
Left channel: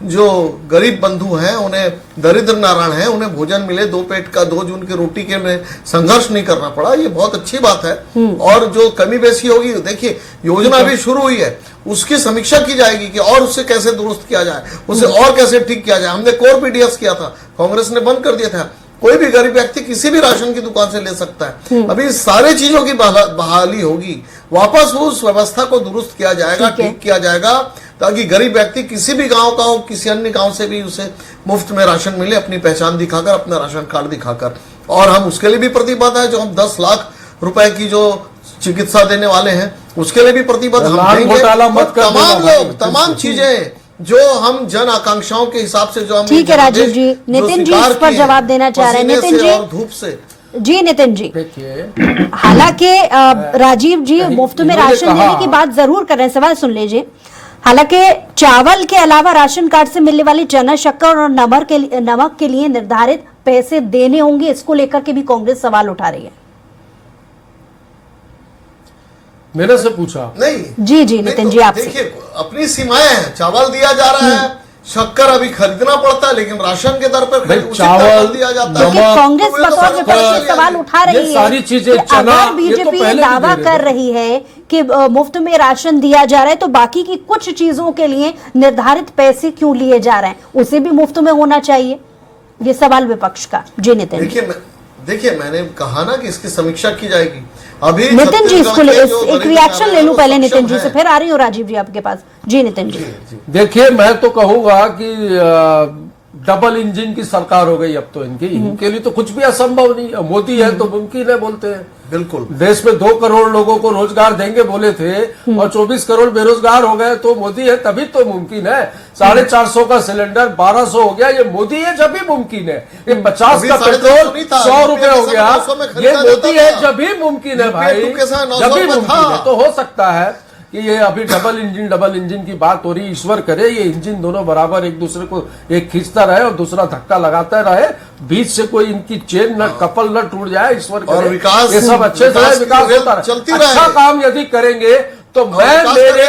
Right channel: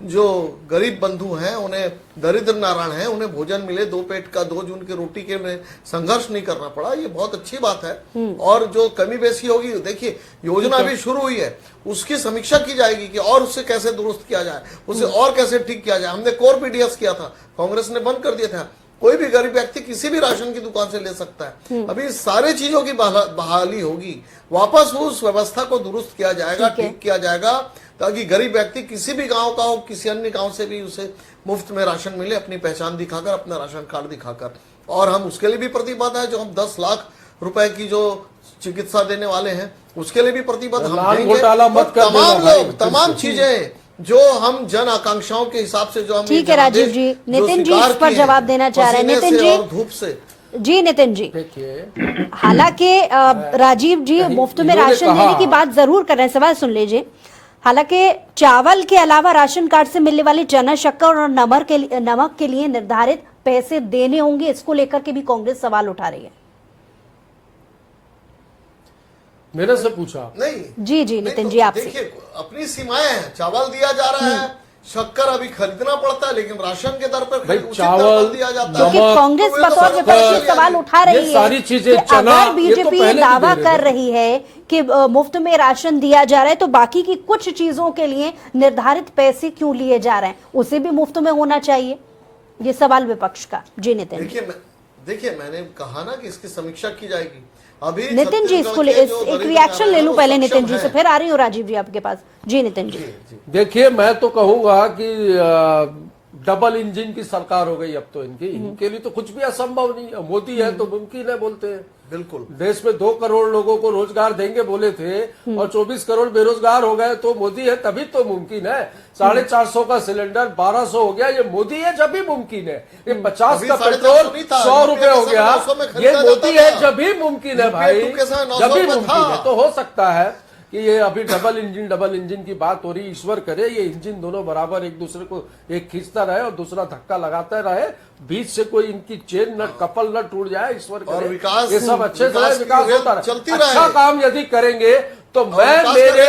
जो गरीब बंधु हैं, उन्हें दरिद्र नारायण हैं, उन्हें भोजन मिले, 2 पेट का 2 जून की रोटी के में संघर्ष नहीं करना पड़ा। ये बहुत अच्छी बात है। और जो कमी बेसी होगी, देखिए योजना अभी शुरू हुई है, उसकी समीक्षा की जाएगी कि और उससे कैसे दुरुस्त किया जाए, उसे और कैसे ठीक किया जाए। हमने कोर पीडीएस किया था, कांग्रेस ने बंद कर दिया था। कोई भी गरीब व्यक्ति किसी भी राशन की दुकान से ले सकता है। अभी सारे चीजों की बहाली होगी, वापस उस व्यवस्था को दुरुस्त किया जाएगा, ठीक किया जाएगा, ताकि गरीब व्यक्ति किसी भी गांव का हो, किसी अन्य गांव से भी उसे मुफ्त में राशन मिले, अपनी पहचान दिखाकर, अपना राशन कार्ड दिखाकर। और हम उसके लिए भी प्रतिबद्ध है, जो हम 10 लाख रुपए की जो चिकित्सा देने वाले हैं, उसके लिए भी प्रतिबद्ध हम देंगे। तमाम लोग, तमाम चीजें जो हम जन आकांक्षाओं के हिसाब से जो हम, ठीक है राजीव जी, नितिन जी इस पर जवाब देना चाह रहे हैं। नितिन जी और धूप से जी, नितिन जी, हालांकि राजीव जी मुफ्त में राशन देने की बात जरूर कर रहे हैं, सवाल सुन लीजिए। हालांकि चावल के अलावा राशन कार्ड से मिलने वाली चना, शक्कर और नमक के लिए निर्धारित पैसे देने होंगे, इसको लेकर के भी कांग्रेस सवाल उठा रही है। मेरे से पूछा नहीं जी नितिन जी, आपसे। देखिए, अपनी सीमाएं हैं, चावल दिया जा रहा है, शक्कर अभी खरीदना पड़ता है, लेकिन राशन के दर पर चावल दिया जाता है। कांग्रेस बतौर विपक्ष सवाल उठा रही है, सारी चीजें, चना, बीजेपी दावा कर रही है कि मुफ्त में राशन दिया जा रहा है, तो बाकी की कुछ चीजों के लिए निर्धारित पैसे क्यों लिए जा रहे हैं, उसे भी मुफ्त में होना चाहिए, ये सवाल विपक्ष का। जी नितिन, देखिए मैंने कहा ना कि इसकी समीक्षा की जाएगी। अभी नितिन जी इसको एक रिएक्शन ले लूं पहले नितिन जी से, फिर आ रही हूँ राजीव जी आपके पास। जी नितिन जी, देखिए मैं तो कहूंगा कि डबल इंजन की सरकार हो गई अब तो इनके लिए तो कुछ भी असंभव नहीं है। मोदी है तो मुमकिन है बोलते हैं। बिल्कुल, देश में 2 करोड़ लोगों को रोजगार देंगे बोले थे और 24 करोड़ बेरोजगार हो गए, तो मोदी है तभी तो मुमकिन है। 450 का सिलेंडर 1200 हो गया, ये मोदी है जब भी मुमकिन है। ये 50 का पेट्रोल 100 रुपए हो गया, ये मोदी है जब भी मुमकिन है भाई, जब भी मुमकिन है। तो हो सकता है कि ये अभी डबल इंजन की बात हो रही, ईश्वर करे ये इंजन दोनों बराबर एक दूसरे को, एक खींचता रहे और दूसरा धक्का लगाता रहे, बीच से कोई इनकी चेन न कपल न टूट जाए, ईश्वर करे ये सब अच्छे से विकास होता रहे। अच्छा काम यदि करेंगे तो मैं मेरे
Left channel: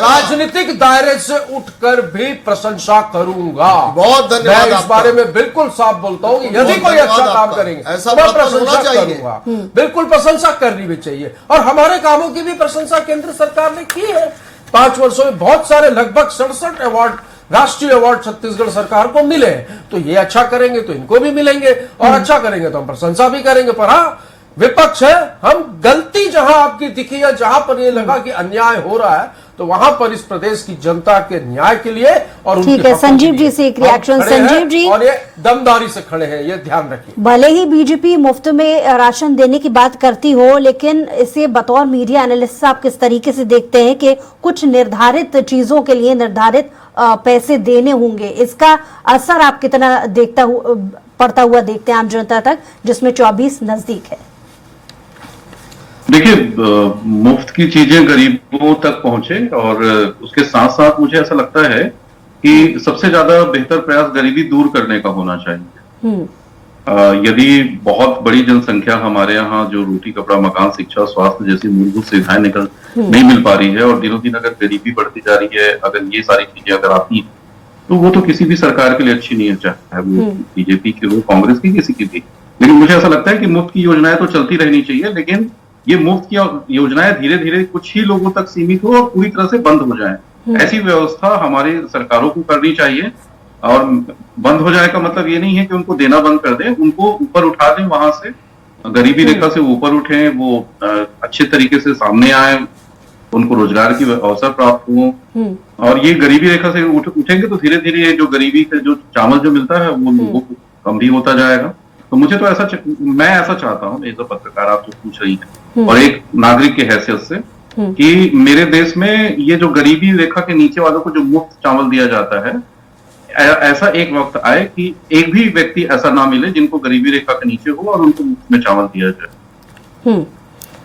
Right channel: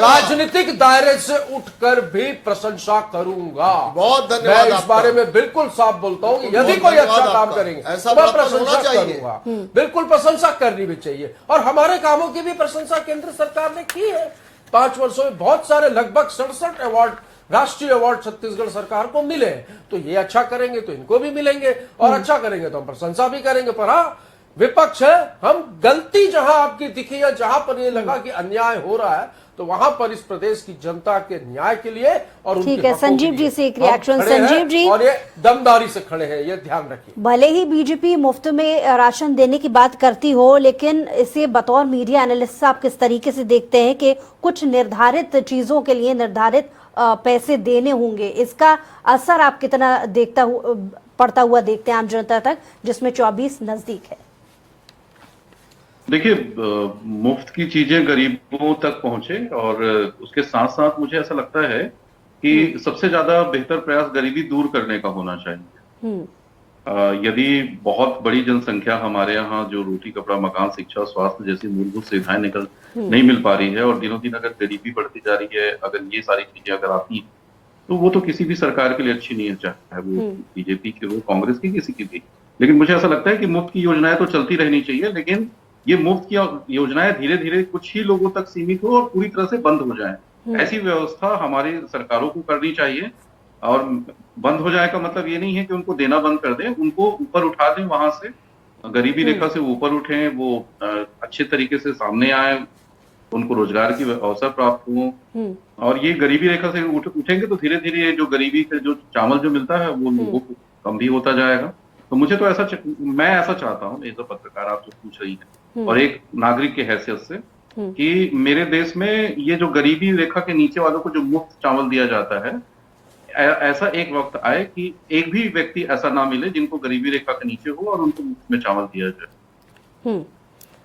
राजनीतिक दायरे से उठकर भी प्रशंसा करूंगा। बहुत धन्यवाद। मैं इस बारे में बिल्कुल साफ बोलता हूँ, यदि कोई अच्छा काम करेंगे ऐसा मैं प्रशंसा करूंगा, बिल्कुल प्रशंसा करनी भी चाहिए। और हमारे कामों की भी प्रशंसा केंद्र सरकार ने की है। 5 वर्षों में बहुत सारे, लगभग 67 अवार्ड, राष्ट्रीय अवार्ड छत्तीसगढ़ सरकार को मिले हैं। तो ये अच्छा करेंगे तो इनको भी मिलेंगे, और अच्छा करेंगे तो हम प्रशंसा भी करेंगे। पर हाँ, विपक्ष है, हम गलती जहां आपकी दिखी है, जहां पर ये लगा कि अन्याय हो रहा है, तो वहां पर इस प्रदेश की जनता के न्याय के लिए और ठीक है, संजीव जी से एक रिएक्शन। संजीव जी, और ये दमदारी से खड़े हैं, ये ध्यान रखिए। भले ही बीजेपी मुफ्त में राशन देने की बात करती हो, लेकिन इसे बतौर मीडिया एनालिस्ट आप किस तरीके से देखते हैं कि कुछ निर्धारित चीजों के लिए निर्धारित पैसे देने होंगे, इसका असर आप कितना पड़ता हुआ देखते हैं आम जनता तक, जिसमें 24 नजदीक है? देखिए, मुफ्त की चीजें गरीबों तक पहुंचे, और उसके साथ साथ मुझे ऐसा लगता है कि सबसे ज्यादा बेहतर प्रयास गरीबी दूर करने का होना चाहिए। यदि बहुत बड़ी जनसंख्या हमारे यहाँ जो रोटी कपड़ा मकान शिक्षा स्वास्थ्य जैसी मूलभूत सुविधाएं नहीं मिल पा रही है, और दिनों दिन अगर गरीबी बढ़ती जा रही है, अगर ये सारी चीजें अगर आती हैं, तो वो तो किसी भी सरकार के लिए अच्छी नहीं है, चाहे वो बीजेपी की हो, कांग्रेस की, किसी की भी। लेकिन मुझे ऐसा लगता है कि मुफ्त की योजनाएं तो चलती रहनी चाहिए, लेकिन ये मुफ्त की योजनाएं धीरे धीरे कुछ ही लोगों तक सीमित हो और पूरी तरह से बंद हो जाए। ऐसी व्यवस्था हमारी सरकारों को करनी चाहिए। और बंद हो जाए का मतलब ये नहीं है कि उनको देना बंद कर दें, उनको ऊपर उठा दें, वहां से गरीबी रेखा से ऊपर उठे, वो अच्छे तरीके से सामने आए, उनको रोजगार की अवसर प्राप्त हो। और ये गरीबी रेखा से उठेंगे तो धीरे धीरे ये जो गरीबी का जो चावल जो मिलता है वो लोगों को कम भी होता जाएगा। तो मुझे तो मैं ऐसा चाहता हूँ, एज अ पत्रकार आप जो पूछ रही हैं और एक नागरिक के हैसियत से, कि मेरे देश में ये जो गरीबी रेखा के नीचे वालों को जो मुफ्त चावल दिया जाता है, ऐसा एक वक्त आए कि एक भी व्यक्ति ऐसा ना मिले जिनको गरीबी रेखा के नीचे हो और उनको मुफ्त में चावल दिया जाए।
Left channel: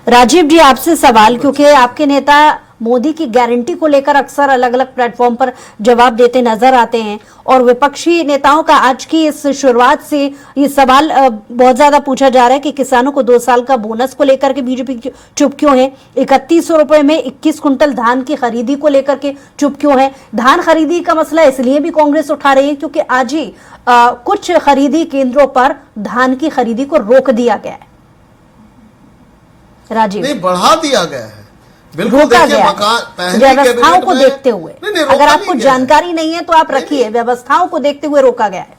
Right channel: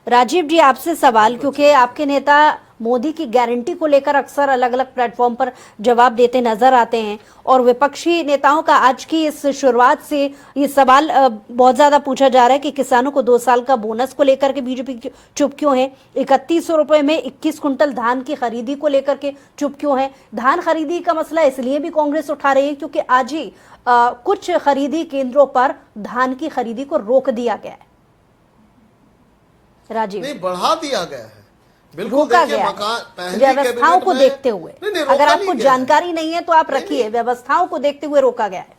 राजीव जी, आपसे सवाल, क्योंकि आपके नेता मोदी की गारंटी को लेकर अक्सर अलग अलग प्लेटफॉर्म पर जवाब देते नजर आते हैं और विपक्षी नेताओं का आज की इस शुरुआत से ये सवाल बहुत ज्यादा पूछा जा रहा है कि किसानों को 2 साल का बोनस को लेकर के बीजेपी चुप क्यों है, 3100 रुपए में 21 कुंटल धान की खरीदी को लेकर के चुप क्यों है। धान खरीदी का मसला इसलिए भी कांग्रेस उठा रही है क्योंकि आज ही कुछ खरीदी केंद्रों पर धान की खरीदी को रोक दिया गया है। राजीव, नहीं, बढ़ा दिया गया है, बिल्कुल। रोका देखिए, गया मकान पहले व्यवस्थाओं कैबिनेट को में- देखते हुए, नहीं, अगर रोका आपको नहीं गया है। जानकारी नहीं है तो आप रखिए, व्यवस्थाओं को देखते हुए रोका गया है।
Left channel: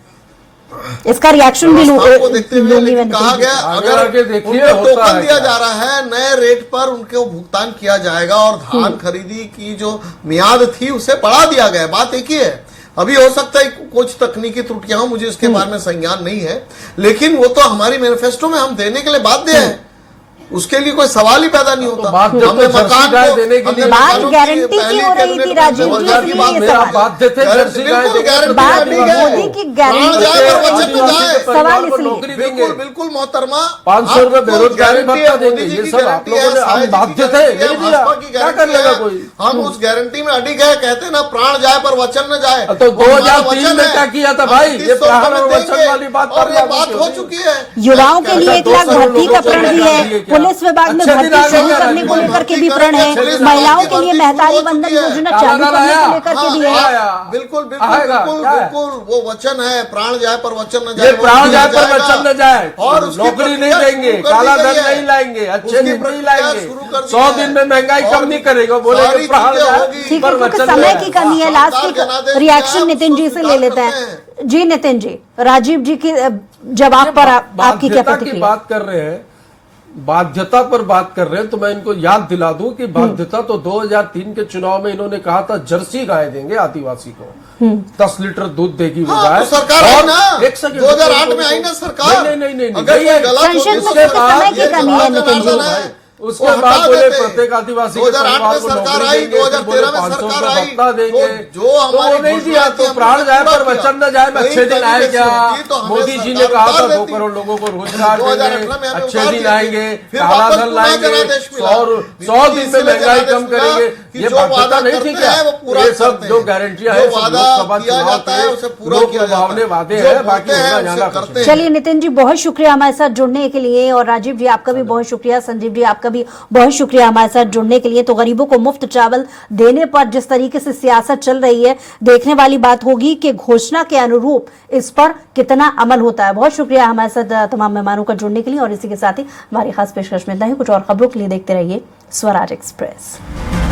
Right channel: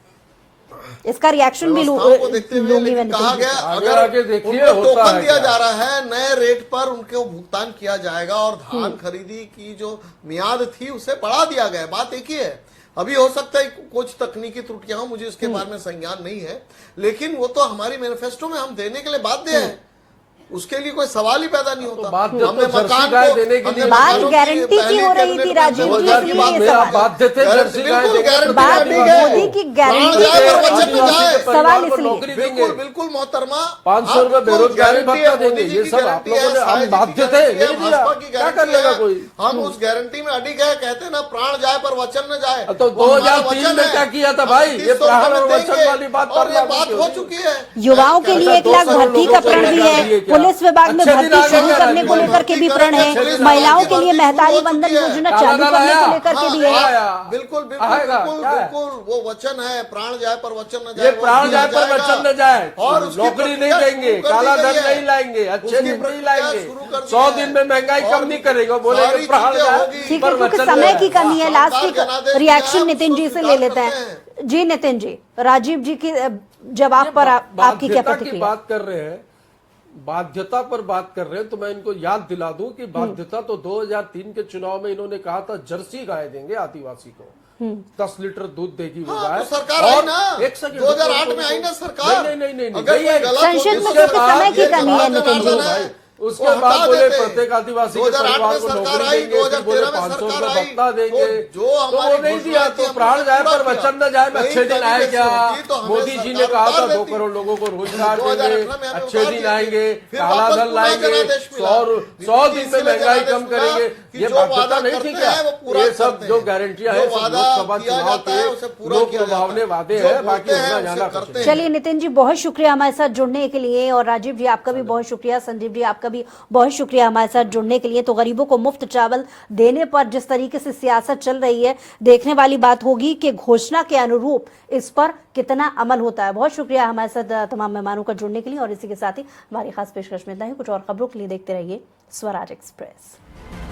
इसका रिएक्शन भी व्यवस्थाओं को देखते हुए लूंगी लेकिन मैं कहा नितिन गया जी। आगे आगे अगर देखिए उनको होता टोकन है दिया क्या। जा रहा है, नए रेट पर उनको भुगतान किया जाएगा और धान खरीदी की जो मियाद थी उसे बढ़ा दिया गया। बात एक ही है, अभी हो सकता है कुछ तकनीकी त्रुटियां हो, मुझे इसके बारे में संज्ञान नहीं है, लेकिन वो तो हमारी मैनिफेस्टो में हम देने के लिए बाध्य हैं, उसके लिए कोई सवाल ही पैदा नहीं होता। बाध्य हमने तो जर्सी मकान गाय को- देने के हमने लिए बात मकानों की गारंटी की पहली हो रही कैबिनेट थी, में राजीव जी, जबरदस्त इसलिए बात ये है। मेरा सवाल। बाध्य थे जर्सी गाय बिल्कुल देने गारंटी के बात लिए। मोदी की गारंटी प्राण की हो जाए, रही वचन थी। जाए। सवाल इसलिए नौकरी बिल्कुल देंगे, बिल्कुल मोहतरमा, 500 रुपए आपको बेरोजगारी गारंटी भत्ता है, देंगे, मोदी जी ये की सब आप गारंटी लोगों है, ने, हम सारी बाध्य चीजें थे, गारंटी है, नहीं दिया, भाजपा की क्या गारंटी करेगा है। कोई। हम उस गारंटी में अडिग है, कहते हैं ना, प्राण जाए पर वचन न जाए। तो वो हमारा 2003 वचन में है। क्या किया था हम भाई? 21 ये सौ प्राण में और वचन देंगे, वाली बात और ये करना बात क्यों? हो चुकी है। युवाओं के लिए 1 लाख भर्ती का प्रण भी है, पुलिस विभाग में भर्ती शुरू करने को लेकर के भी प्रण है, महिलाओं के लिए बेहतारी बंधन योजना चालू करने को लेकर के भी है। हाँ, बिल्कुल बिल्कुल आएगा, बिल्कुल क्या है? बिल्कुल, वो वचन है, प्राण जाए पर वचन न जाए। ये वो प्राण जाए जाएगा। पर वचन न जाए, और उसकी नौकरी नहीं प्रक्रिया देंगे, शुरू कर काला दी धन गई है। नहीं लाएंगे, अच्छे उसकी दिन नहीं प्रक्रिया लाएंगे, शुरू कर दी 100 है। दिन में महंगाई और कम नहीं करेगा, बोलेंगे सारी प्राण चीजें जाए होगी। ठीक है, पर क्योंकि वचन समय जाए। की कमी है। शानदार लास्ट जनादेश रिएक्शन दिया, नितिन जी से ले लेते करते हैं। जी नितिन जी, राजीव जी के जवाब पर आपकी क्या बाध्यता की प्रतिक्रिया? बात कर रहे हैं, बाध्यता पर बात कर रहे हैं, तो मैं इनको याद दिला दूं कि बाध्यता तो 2003 के चुनाव में इन्होंने कहा था जर्सी गाय देंगे आदिवासी को, 10 लीटर दूध देगी वो हाँ, गाय। तो सरकार आई ना, एक सेकंड, 2008 में आई ना सरकार। नहीं अगर कोई गलत हो संसद में तो क्योंकि सरकार समय की ये कमी है, जवाब नितिन जी। देना है। उसके वो बाद हटा बोले देते। प्रत्येक आदिवासी के 2008 परिवार को में सरकार नौकरी आई, देंगे, फिर बोले 2013 में 500 सरकार रुपए आई। भत्ता देंगे, तो जो हमारी वो नहीं दिया। घोषणा तो थी, प्राण हमने जाए पूरा पर वचन न जाए, किया। अच्छे दिन कहीं आए कहीं क्या? से होती तो हमें मोदी जी ने सरकार कहा था उतार 2 देती। करोड़ लोगों को रोजगार 2018 देंगे, में हमें अच्छे उतार दिन दिया। आएंगे, फिर काला वापस धन पूरा लाएंगे, जनादेश मिला। 100 दिन में इसीलिए महंगाई जनादेश कम मिला करेंगे। कि ये जो बाध्यता वादा नहीं थी करते क्या? हैं, वो पूरा ये सब करते जो हैं। गारंटियां जो है सब वादा लोकसभा किया चुनाव जाता है, उसे के पूरा लोक किया जाता है। लुभावने वादे जो हैं, बोलते बाकी हैं, होना उसे जाना करते कुछ हैं। चलिए नितिन जी, बहुत शुक्रिया हमारे साथ जुड़ने के लिए, और राजीव जी आपका भी बहुत शुक्रिया, संजीव जी आपका भी बहुत शुक्रिया हमारे साथ जुड़ने के लिए। तो गरीबों को मुफ्त चावल देने पर जिस तरीके से सियासत चल रही है, देखने वाली बात होगी कि घोषणा के अनुरूप इस पर कितना अमल होता है। बहुत शुक्रिया हमारे साथ तमाम मेहमानों का जुड़ने के लिए, और इसी के साथ ही हमारी खास पेशकश में इतना ही। कुछ और खबरों के लिए देखते रहिए स्वराज एक्सप्रेस।